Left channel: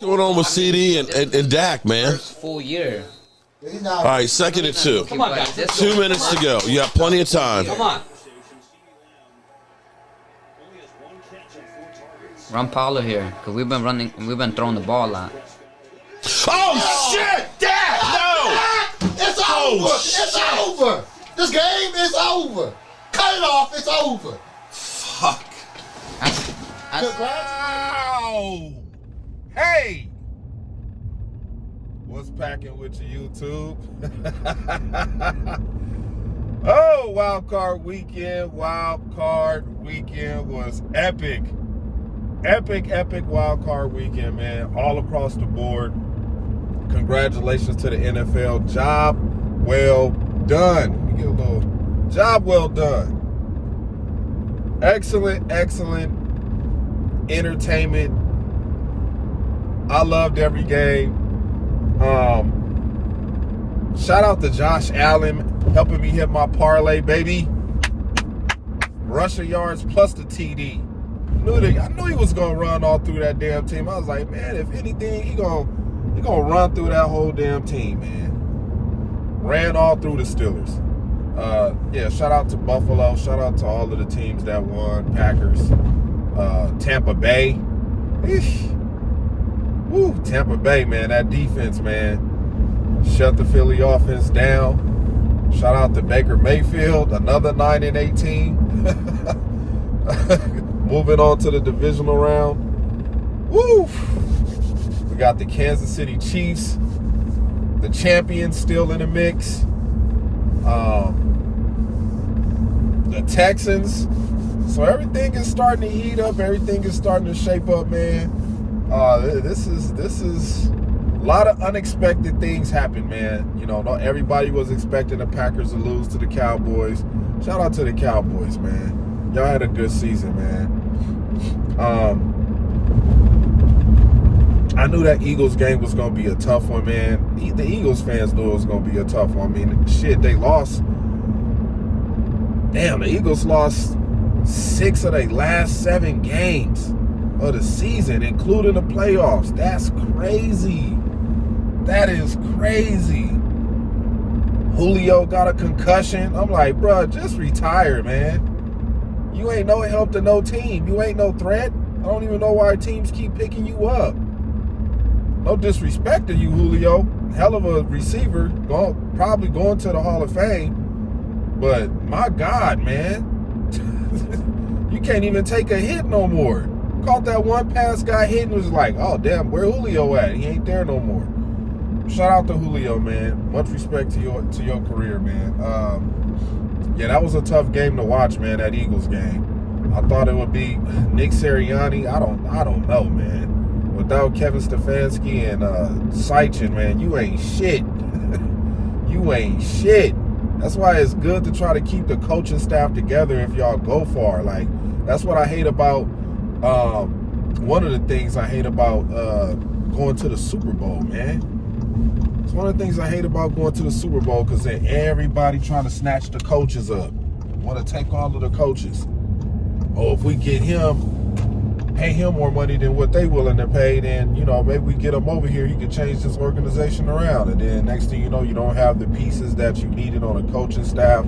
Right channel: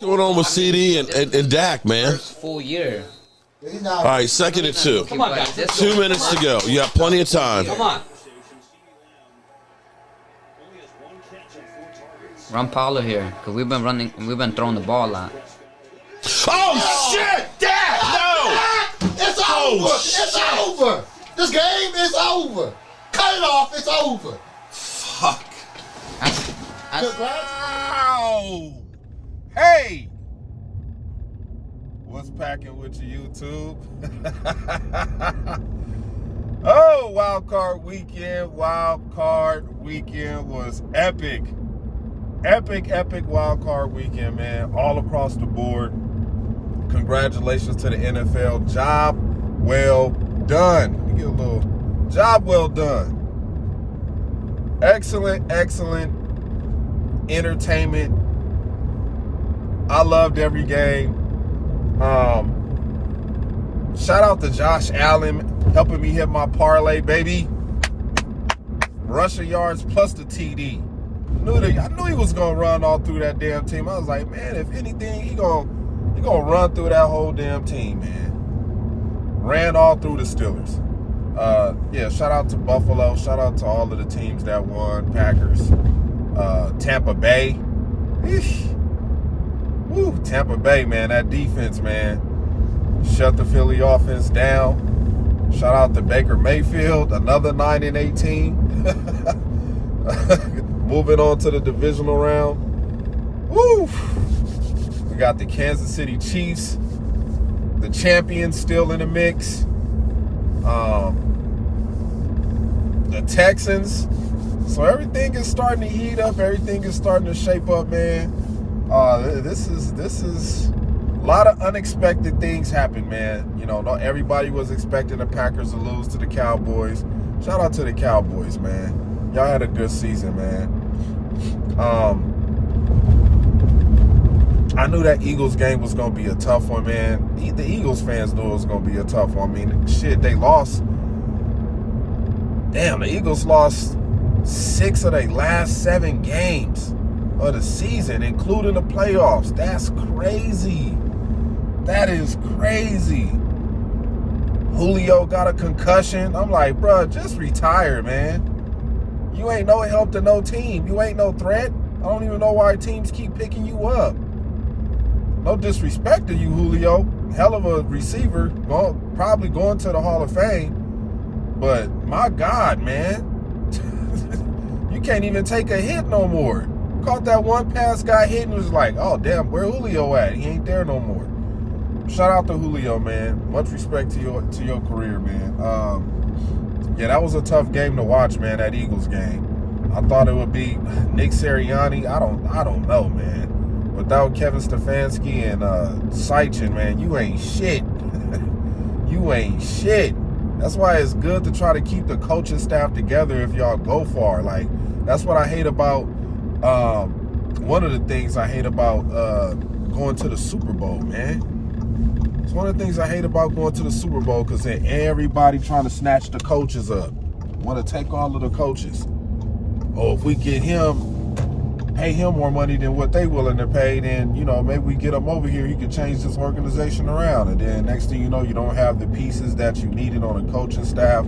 What's going on with CD and Dak, man? First full year. All right, 2nd and 2. Come on, guys. 2 minutes to go. You got plenty of time. Come on. Run Paulo here, because we've been throwing the ball a lot. Oh, shit! Dak! No! It's over! It's over! This game is over! Cut it off, it's over! Fuck. Congrats. Ow! Hey! What's packing with you, YouTube? Oh, Wildcard weekend. Wildcard weekend was epic. Epic Wildcard weekend, man. All across the board. Congratulations to the NFL. Job well done. Let me get a little job well done. Excellent entertainment. I loved every game. Shout out to Josh Allen helping me hit my parlay, baby. Rushing yards plus the TD. I knew he was gonna run all through that damn team. I was like, man, if anything, he gonna run through that whole damn team, man. Ran all through the Steelers. Yeah, shout out to Buffalo. Shout out to all of the teams that won. Packers, Tampa Bay. Eesh. Woo, Tampa Bay, man. That defense, man. Shut the Philly offense down. Shout out to Baker Mayfield. Another 9-18. Moving on to the divisional round. Woo! We got the Kansas City Chiefs, the champions, still in the mix. The Texans. So everything is starting to heat up. Everything is starting to shape up, man. This is a lot of unexpected things happen, man. You know, not everybody was expecting the Packers to lose to the Cowboys. Shout out to the Cowboys, man. Y'all had a good season, man. I knew that Eagles game was going to be a tough one, man. The Eagles fans knew it was going to be a tough one. I mean, shit, they lost. Damn, the Eagles lost 6 of their last 7 games of the season, including the playoffs. That's crazy. That is crazy. Julio got a concussion. I'm like, bro, just retire, man. You ain't no help to no team. You ain't no threat. I don't even know why teams keep picking you up. No disrespect to you, Julio. Hell of a receiver. Probably going to the Hall of Fame. But my God, man. You can't even take a hit no more. Caught that one pass, got hit, and was like, oh, damn, where Julio at? He ain't there no more. Shout out to Julio, man. Much respect to your career, man. Yeah, that was a tough game to watch, man, that Eagles game. I thought it would be Nick Sirianni. I don't know, man. Without Kevin Stefanski and Seichin, man, you ain't shit. You ain't shit. That's why it's good to try to keep the coaching staff together if y'all go far. Like, that's what I hate about, one of the things I hate about going to the Super Bowl, man. It's one of the things I hate about going to the Super Bowl, because then everybody trying to snatch the coaches up. Want to take all of the coaches. Oh, if we get him, pay him more money than what they willing to pay, then, you know, maybe we get him over here, he can change this organization around. And then next thing you know, you don't have the pieces that you needed on a coaching staff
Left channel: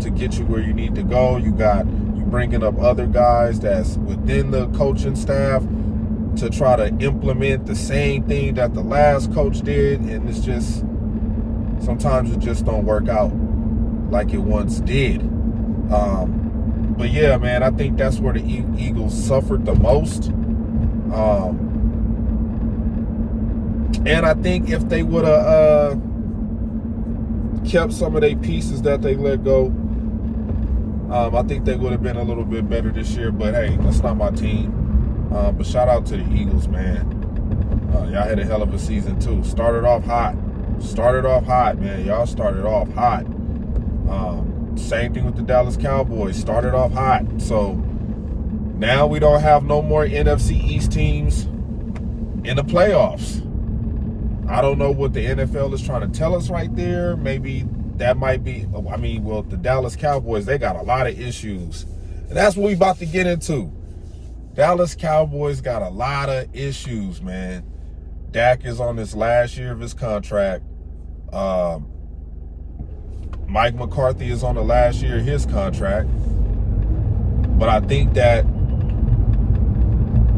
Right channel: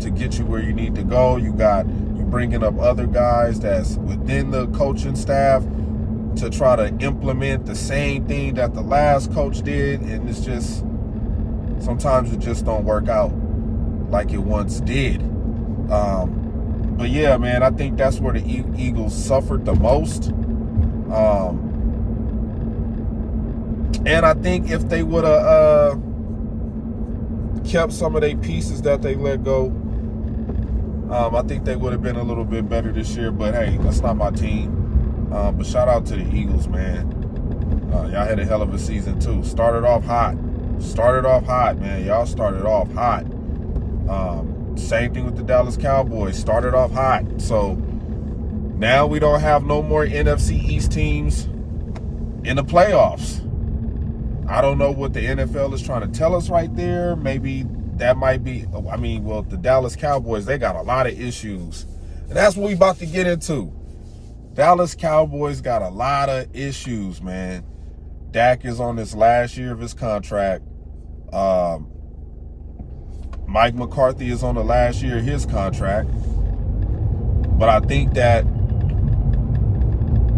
to get you where you need to go. You bringing up other guys that's within the coaching staff to try to implement the same thing that the last coach did, and it's just, sometimes it just don't work out like it once did. But yeah, man, I think that's where the Eagles suffered the most. And I think if they would have kept some of their pieces that they let go, I think they would have been a little bit better this year. But hey, that's not my team. But shout out to the Eagles, man. Y'all had a hell of a season, too. Started off hot, man. Y'all started off hot. Same thing with the Dallas Cowboys. Started off hot. So now we don't have no more NFC East teams in the playoffs. I don't know what the NFL is trying to tell us right there. Maybe that might be, the Dallas Cowboys, they got a lot of issues. And that's what we about to get into. Dallas Cowboys got a lot of issues, man. Dak is on his last year of his contract. Mike McCarthy is on the last year of his contract. But I think that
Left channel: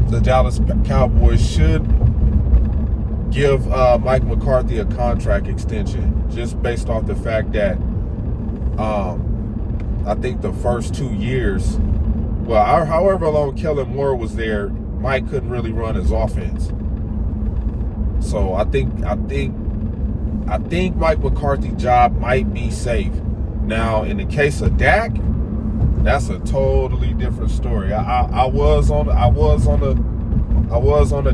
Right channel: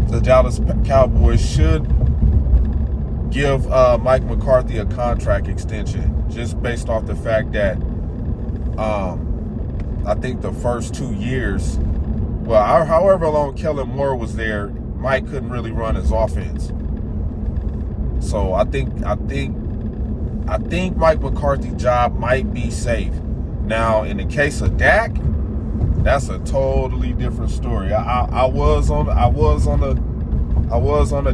the Dallas Cowboys should give Mike McCarthy a contract extension, just based off the fact that I think the first 2 years, well, however long Kellen Moore was there, Mike couldn't really run his offense. So I think Mike McCarthy's job might be safe. Now, in the case of Dak, that's a totally different story. I was on the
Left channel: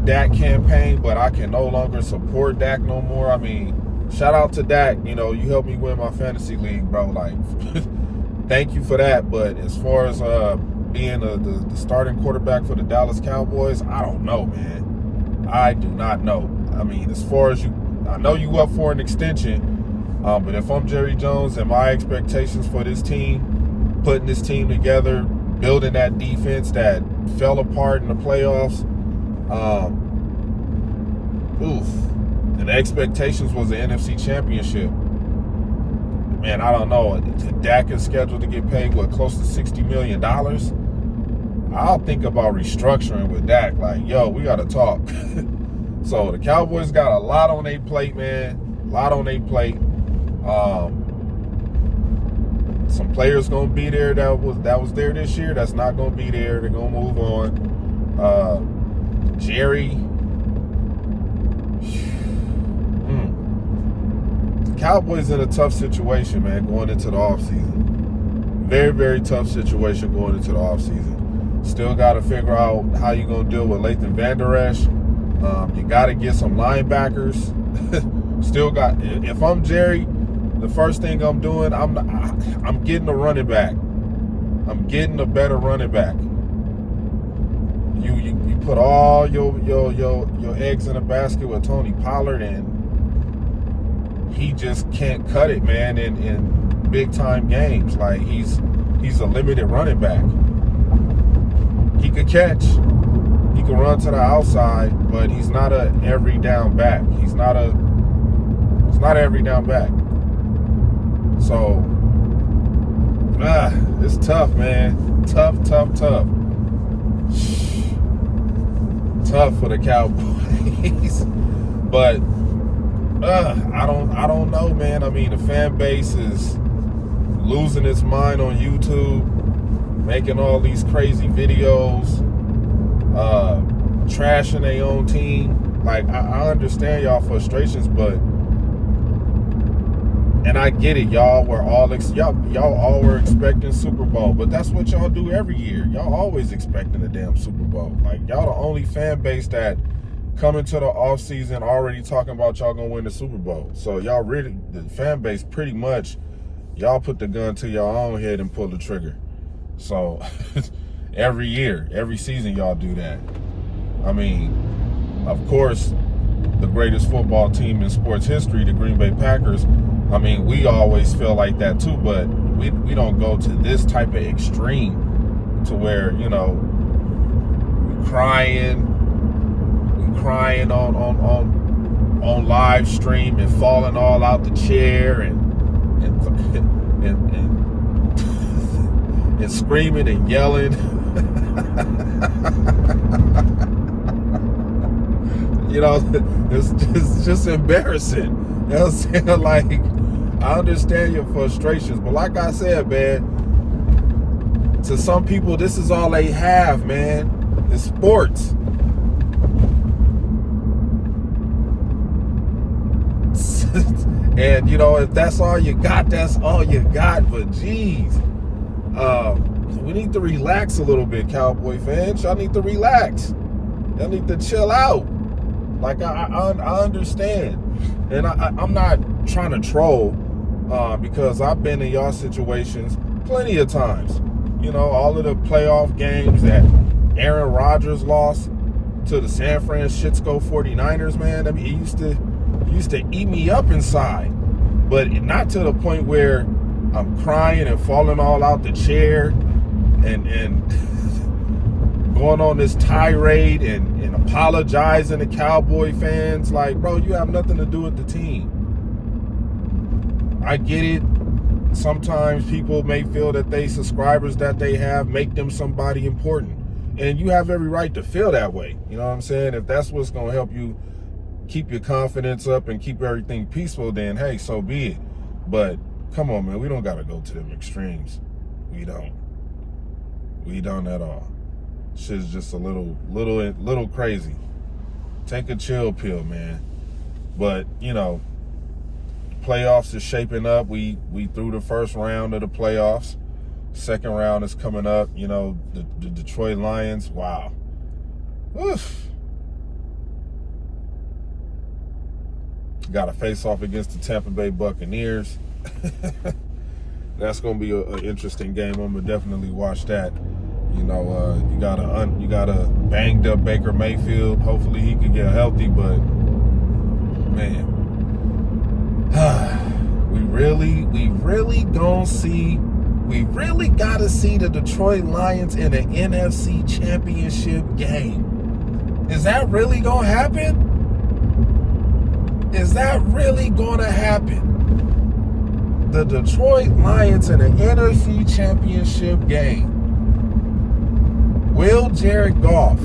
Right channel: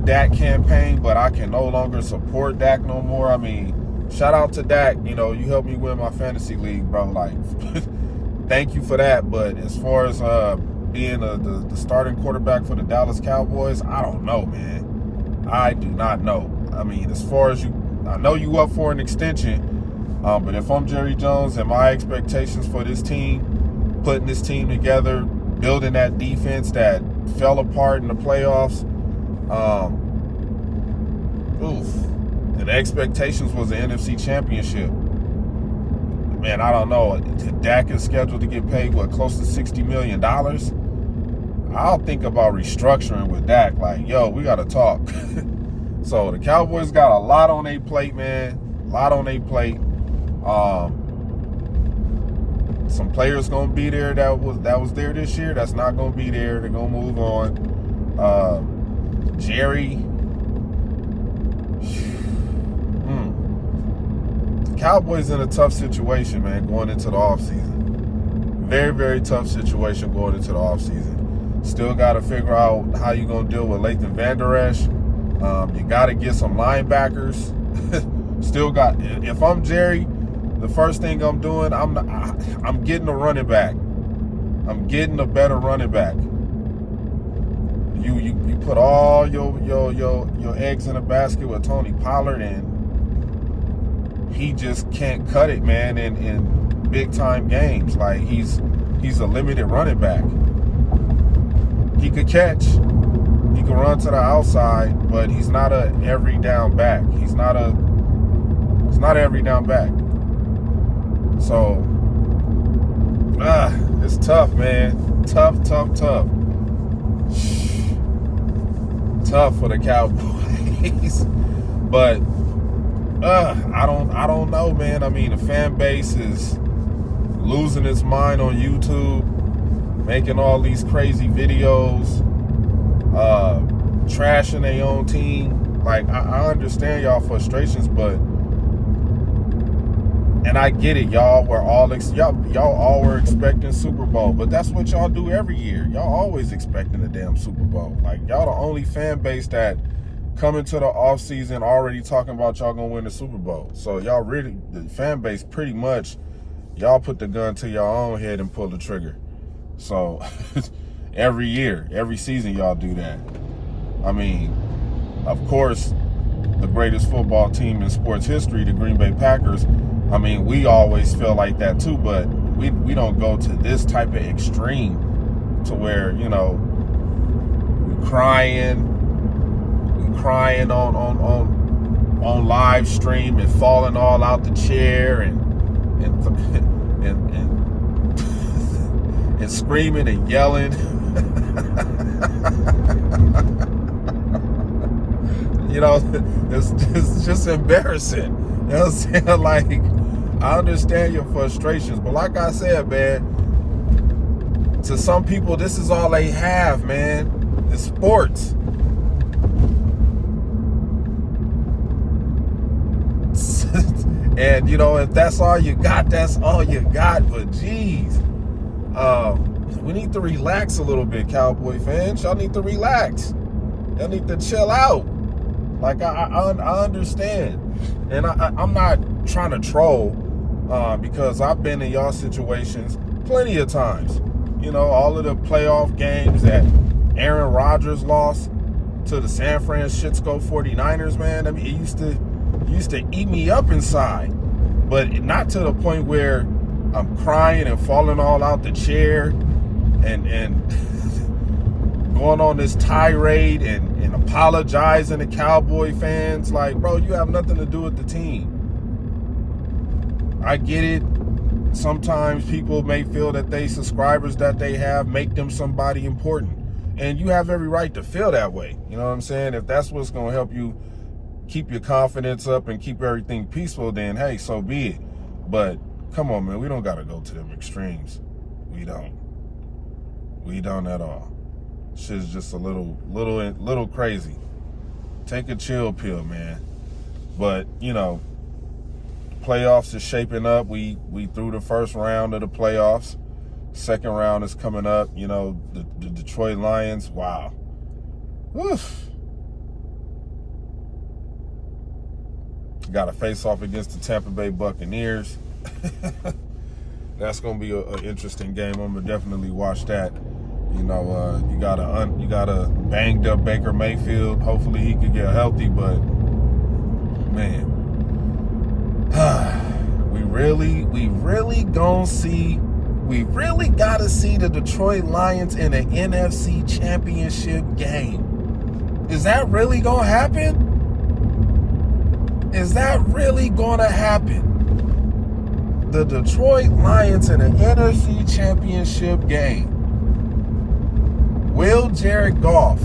Dak campaign, but I can no longer support Dak no more. I mean, shout out to Dak. You know, you helped me win my fantasy league, bro. Like, thank you for that. But as far as being the starting quarterback for the Dallas Cowboys, I don't know, man. I do not know. I mean, as far as I know you up for an extension, but if I'm Jerry Jones and my expectations for this team, putting this team together, building that defense that fell apart in the playoffs, and the expectations was the NFC Championship. Man, I don't know. Dak is scheduled to get paid, close to $60 million? I'll think about restructuring with Dak. Like, yo, we got to talk. So the Cowboys got a lot on their plate, man. A lot on their plate. Some players gonna be there that was there this year that's not gonna be there. They're gonna move on. Jerry. The Cowboys in a tough situation, man, going into the offseason. Very, very tough situation going into the offseason. Still got to figure out how you're going to deal with Lathan Vander Esch. You got to get some linebackers. If I'm Jerry, the first thing I'm doing, I'm getting a running back. I'm getting a better running back. You put all your eggs in a basket with Tony Pollard, and he just can't cut it, man, in big time games. Like, he's a limited running back. He could catch. He can run to the outside, but he's not a every down back. He's not every down back. So, it's tough, man. Tough. Tough for the Cowboys. But I don't know, man. I mean, the fan base is losing its mind on YouTube, making all these crazy videos, trashing their own team. Like, I understand y'all frustrations, but, and I get it, y'all were all were expecting Super Bowl, but that's what y'all do every year. Y'all always expecting a damn Super Bowl. Like, y'all the only fan base that coming to the offseason already talking about y'all gonna win the Super Bowl. So y'all really, the fan base pretty much, y'all put the gun to your own head and pull the trigger. So every year, every season y'all do that. I mean, of course, the greatest football team in sports history, the Green Bay Packers, I mean, we always feel like that too, but we don't go to this type of extreme to where, you know, we're crying on live stream and falling all out the chair and screaming and yelling. You know, it's just embarrassing. You know what I'm saying? Like, I understand your frustrations, but like I said, man, to some people, this is all they have, man. It's sports. And, you know, if that's all you got, that's all you got. But, geez, we need to relax a little bit, Cowboy fans. Y'all need to relax. Y'all need to chill out. Like, I understand. And I'm not trying to troll because I've been in y'all situations plenty of times. You know, all of the playoff games that Aaron Rodgers lost to the San Francisco 49ers, man. I mean, it used to eat me up inside, but not to the point where I'm crying and falling all out the chair and going on this tirade and apologizing to Cowboy fans. Like, bro, you have nothing to do with the team. I get it. Sometimes people may feel that subscribers that they have make them somebody important. And you have every right to feel that way. You know what I'm saying? If that's what's going to help you keep your confidence up and keep everything peaceful, then hey, so be it. But come on, man, we don't got to go to them extremes. We don't at all. Shit's just a little crazy. Take a chill pill, man. But, you know, playoffs is shaping up. We through the first round of the playoffs. Second round is coming up. You know, the Detroit Lions. Wow. Woof. Got to face off against the Tampa Bay Buccaneers. That's going to be an interesting game. I'm going to definitely watch that. You know, you got a banged up Baker Mayfield. Hopefully he can get healthy, but man, we really gotta see the Detroit Lions in an NFC Championship game. Is that really gonna happen? Is that really gonna happen? The Detroit Lions in an NFC Championship game. Will Jared Goff?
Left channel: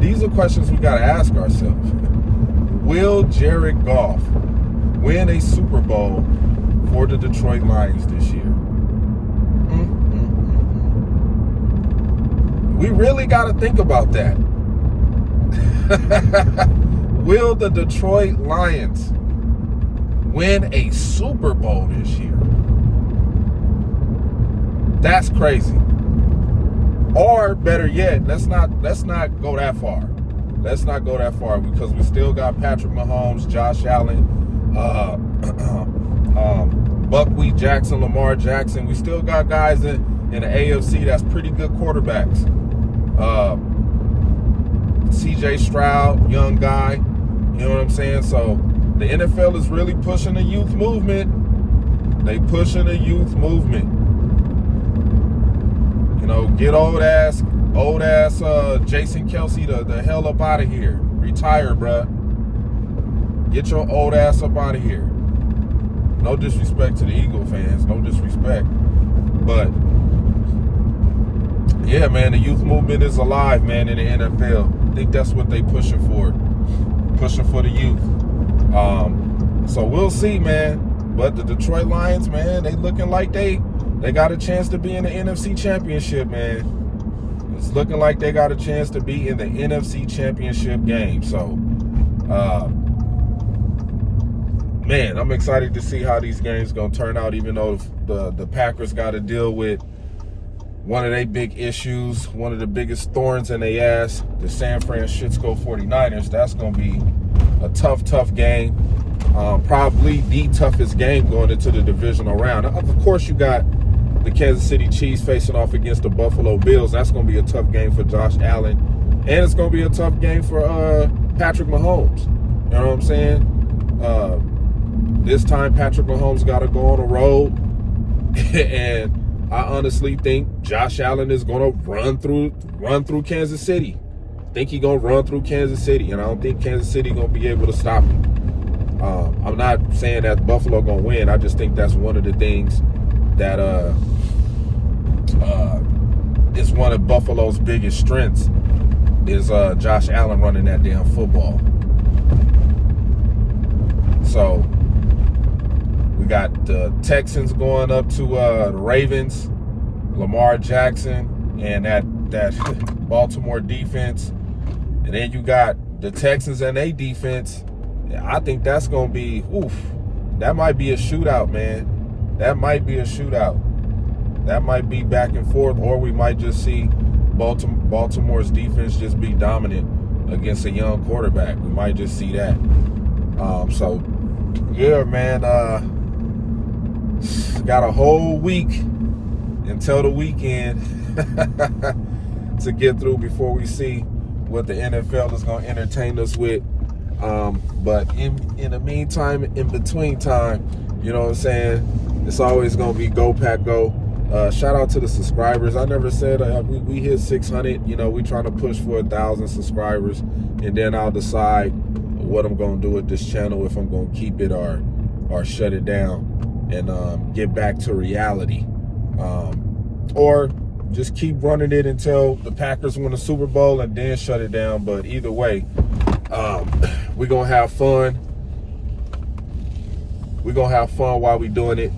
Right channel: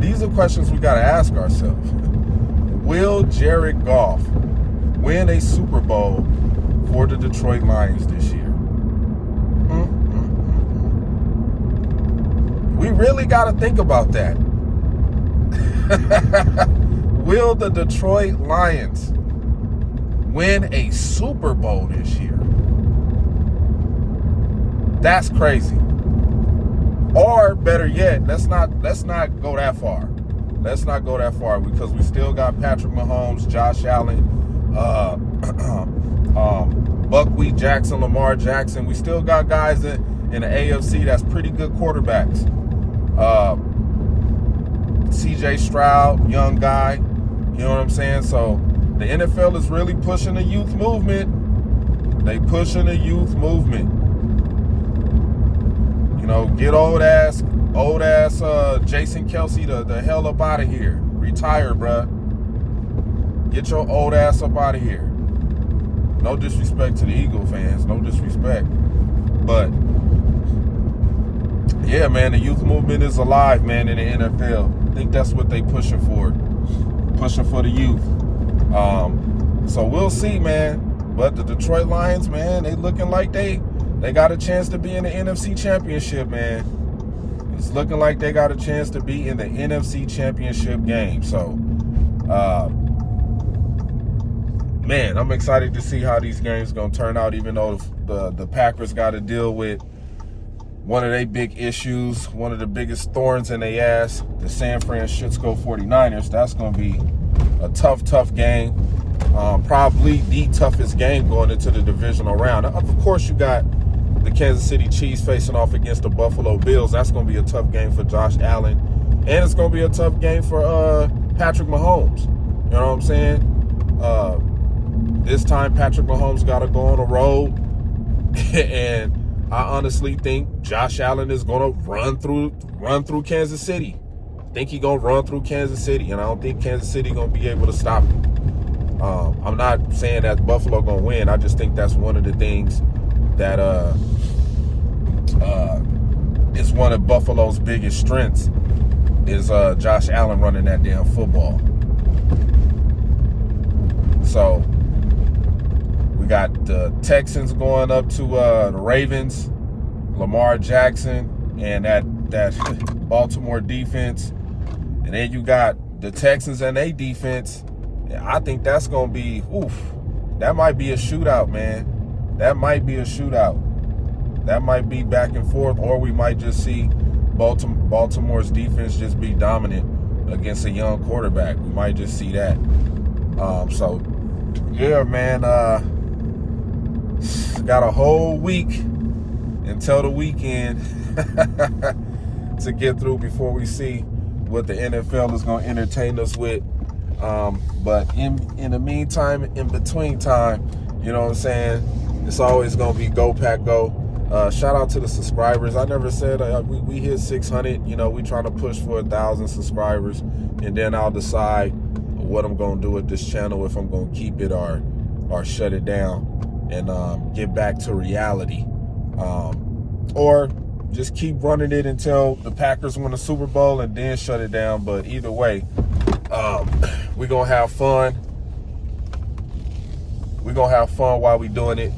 These are questions we gotta ask ourselves. Will Jared Goff win a Super Bowl for the Detroit Lions this year? We really got to think about that. Will the Detroit Lions win a Super Bowl this year? That's crazy. Or better yet, let's not go that far. Let's not go that far because we still got Patrick Mahomes, Josh Allen, Buckwheat Jackson, Lamar Jackson. We still got guys in the AFC that's pretty good quarterbacks. CJ Stroud, young guy. You know what I'm saying? So the NFL is really pushing the youth movement. They pushing the youth movement. You know, get old ass Jason Kelsey the hell up out of here. Retire, bruh. Get your old ass up out of here. No disrespect to the Eagle fans, no disrespect. But yeah, man, the youth movement is alive, man, in the NFL. I think that's what they pushing for. Pushing for the youth. So we'll see, man. But the Detroit Lions, man, they looking like they got a chance to be in the NFC Championship, man. It's looking like they got a chance to be in the NFC Championship game. So, man, I'm excited to see how these games going to turn out, even though the Packers got to deal with one of their big issues, one of the biggest thorns in their ass, the San Francisco 49ers. That's going to be a tough game. Probably the toughest game going into the divisional round. Of course, you got the Kansas City Chiefs facing off against the Buffalo Bills. That's going to be a tough game for Josh Allen. And it's going to be a tough game for Patrick Mahomes. You know what I'm saying? This time, Patrick Mahomes got to go on the road. And I honestly think Josh Allen is going to run through Kansas City. I think he's going to run through Kansas City. And I don't think Kansas City going to be able to stop him. I'm not saying that Buffalo going to win. I just think that's one of the things that is one of Buffalo's biggest strengths is Josh Allen running that damn football. So we got the Texans going up to the Ravens, Lamar Jackson, and that Baltimore defense. And then you got the Texans and their defense. I think that's going to be, that might be a shootout, man. That might be a shootout. That might be back and forth, or we might just see Baltimore's defense just be dominant against a young quarterback. We might just see that. So, yeah, man, got a whole week until the weekend to get through before we see what the NFL is going to entertain us with. But in the meantime, in between time, you know what I'm saying, it's always going to be Go Pack Go. Shout out to the subscribers. I never said we hit 600. You know, we trying to push for 1,000 subscribers, and then I'll decide what I'm gonna do with this channel, if I'm gonna keep it or shut it down and get back to reality, or just keep running it until the Packers win the Super Bowl and then shut it down. But either way, we're gonna have fun. We're gonna have fun while we doing it.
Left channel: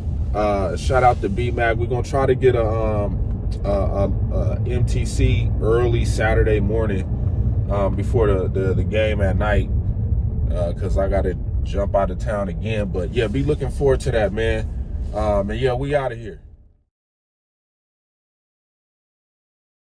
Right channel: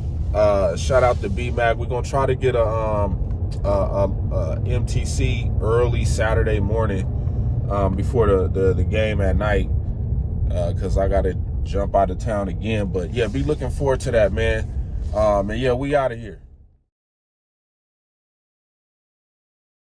Shout out to B-Mac. We're gonna try to get a MTC early Saturday morning, before the game at night, because I gotta jump out of town again. But yeah, be looking forward to that, man. And yeah, we out of here.